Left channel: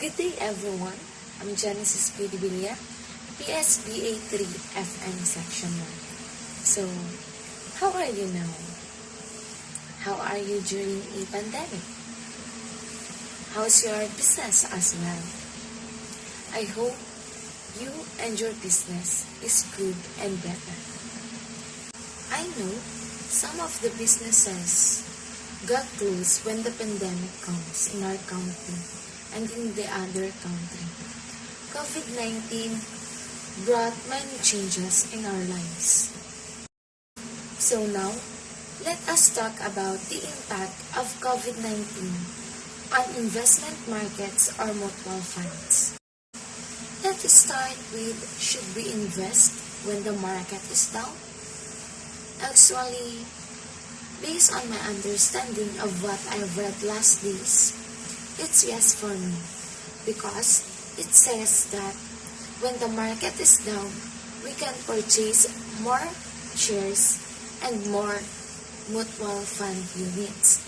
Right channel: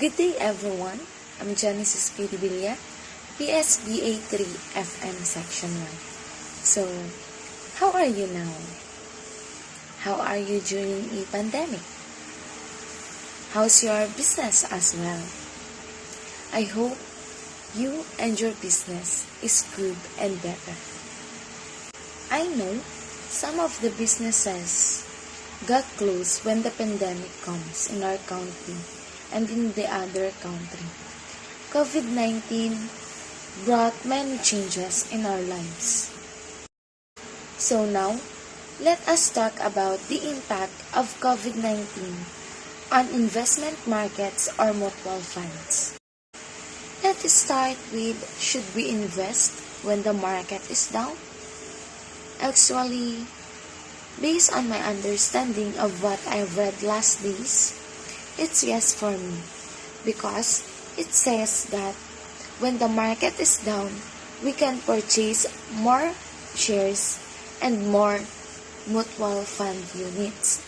Good day everyone, I'm Genesis P. BSBA 3 FM Section 1. So, how are you now? How are you during a pandemic? How's your business as well? I hope you and your business is good and better. I know some of the businesses got closed when the pandemic comes in our country and in the other country. COVID-19 brought many changes in our lives. So now, let us talk about the impact of COVID-19 on investment markets or mutual funds. Let's start with, should we invest when the market is down? Actually, based on my understanding of what I've read last days, it's yes for me because it says that when the market is down, we can purchase more shares and more mutual fund units.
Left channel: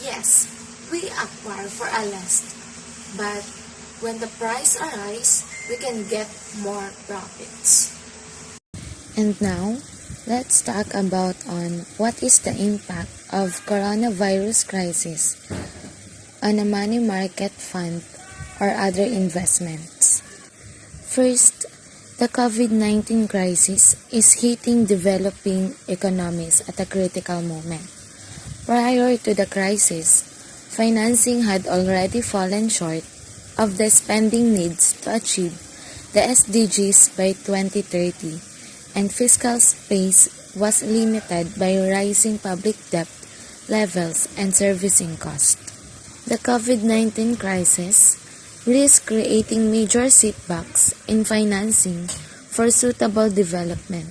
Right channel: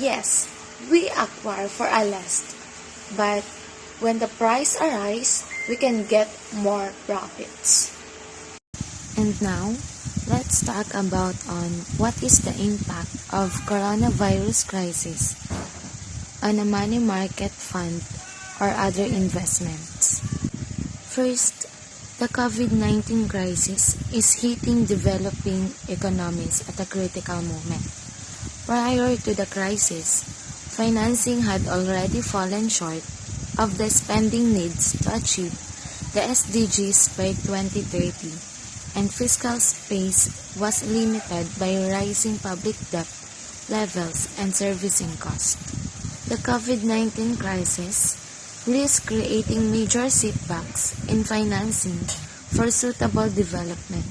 Yes, we acquire for a less, but when the price arises, we can get more profits. And now, let's talk about on what is the impact of coronavirus crisis on a money market fund or other investments. First, the COVID-19 crisis is hitting developing economies at a critical moment. Prior to the crisis, financing had already fallen short of the spending needs to achieve the SDGs by 2030, and fiscal space was limited by rising public debt levels and servicing costs. The COVID-19 crisis risks creating major setbacks in financing for suitable development.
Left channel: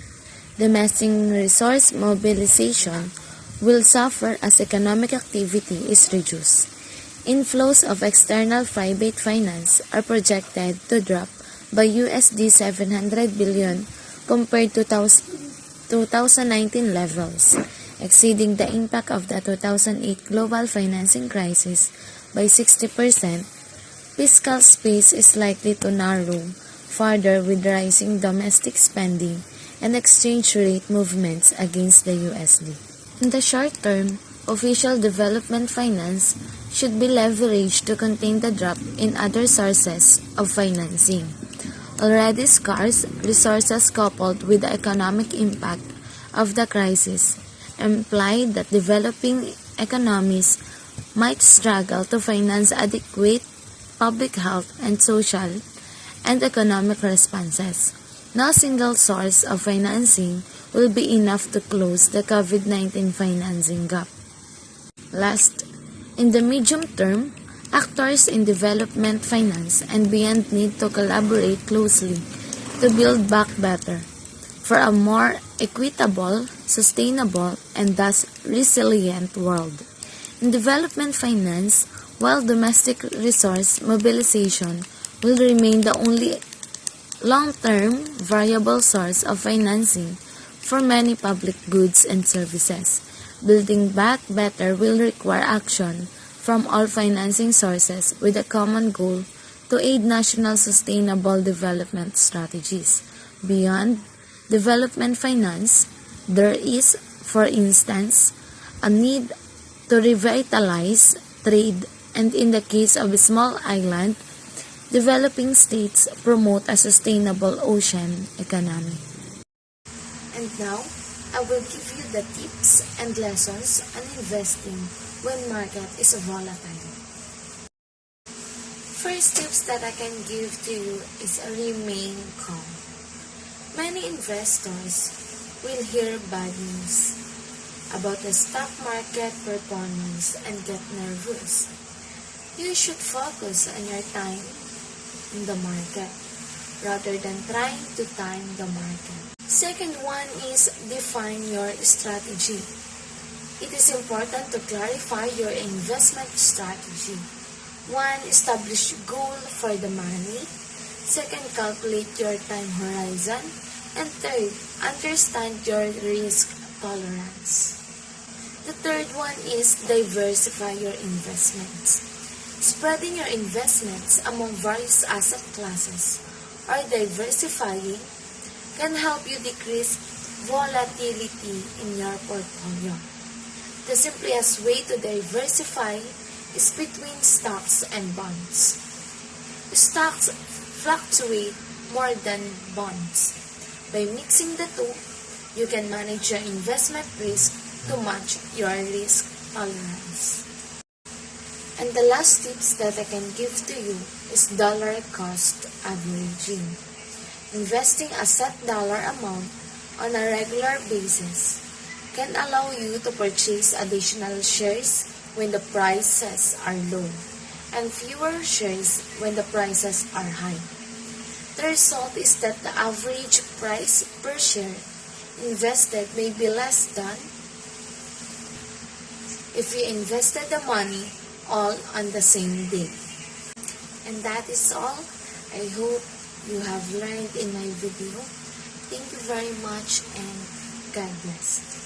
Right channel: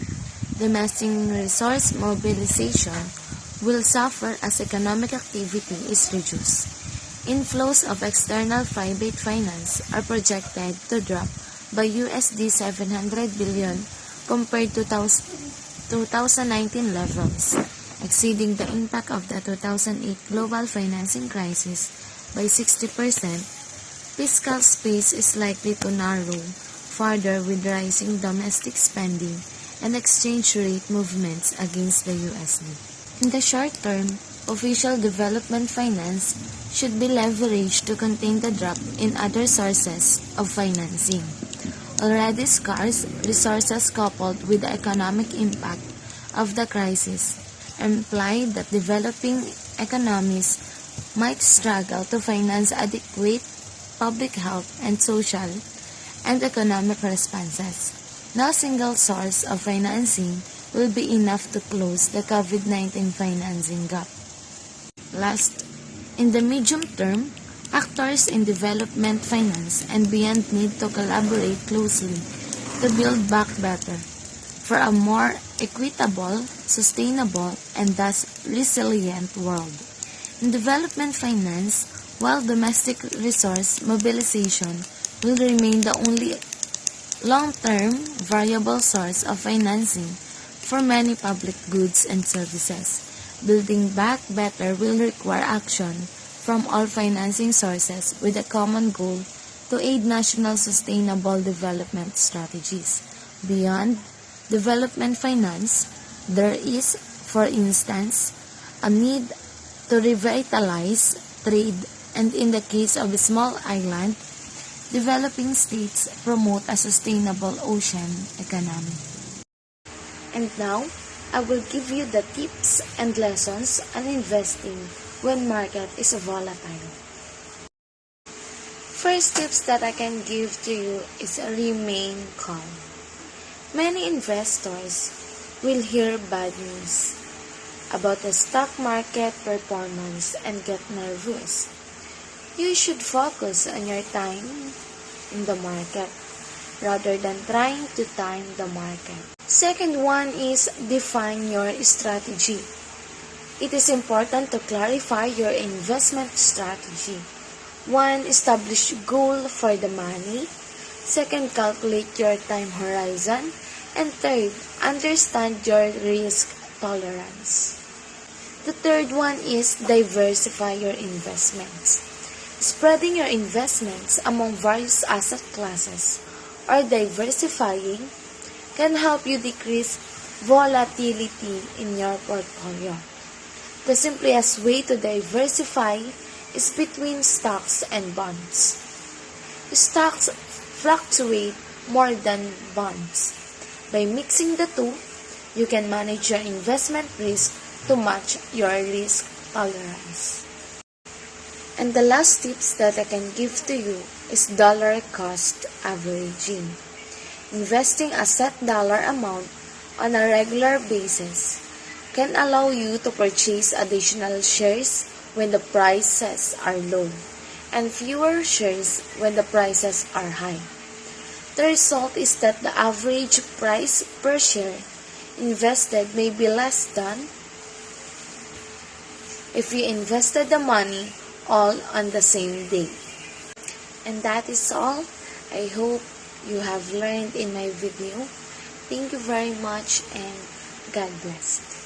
Domestic resource mobilization will suffer as economic activity is reduced. Inflows of external private finance are projected to drop by USD 700 billion compared to 2019 levels, exceeding the impact of the 2008 global financing crisis by 60%. Fiscal space is likely to narrow further with rising domestic spending and exchange rate movements against the USD. In the short term, official development finance should be leveraged to contain the drop in other sources of financing. Already scarce resources coupled with the economic impact of the crisis imply that developing economies might struggle to finance adequate public health and social and economic responses. No single source of financing will be enough to close the COVID-19 financing gap. Last, in the medium term, actors in development finance and beyond need to collaborate closely to build back better for a more equitable, sustainable, and thus resilient world. In development finance, while domestic resource mobilization will remain the only long-term variable source of financing for many public goods and services, building back better will require action from all financing sources with a common goal to aid national sustainable development strategies. Beyond development finance, there is, for instance, a need to revitalize trade, and in the case of a small island, developing states promote a sustainable ocean economy. And now, I will give you the tips and lessons on investing when market is volatile. First tips that I can give to you is remain calm. Many investors will hear bad news about the stock market performance and get nervous. You should focus on your time in the market rather than trying to time the market. Second one is define your strategy. It is important to clarify your investment strategy. 1. Establish goal for the money. 2. Calculate your time horizon. And 3. Understand your risk tolerance. The third one is diversify your investments. Spreading your investments among various asset classes or diversifying can help you decrease volatility in your portfolio. The simplest way to diversify is between stocks and bonds. Stocks fluctuate more than bonds. By mixing the two, you can manage your investment risk to match your risk tolerance. And the last tips that I can give to you is dollar cost averaging. Investing a set dollar amount on a regular basis can allow you to purchase additional shares when the prices are low and fewer shares when the prices are high. The result is that the average price per share invested may be less than if you invested the money all on the same day. And that is all. I hope you have learned in my video. Thank you very much and God bless.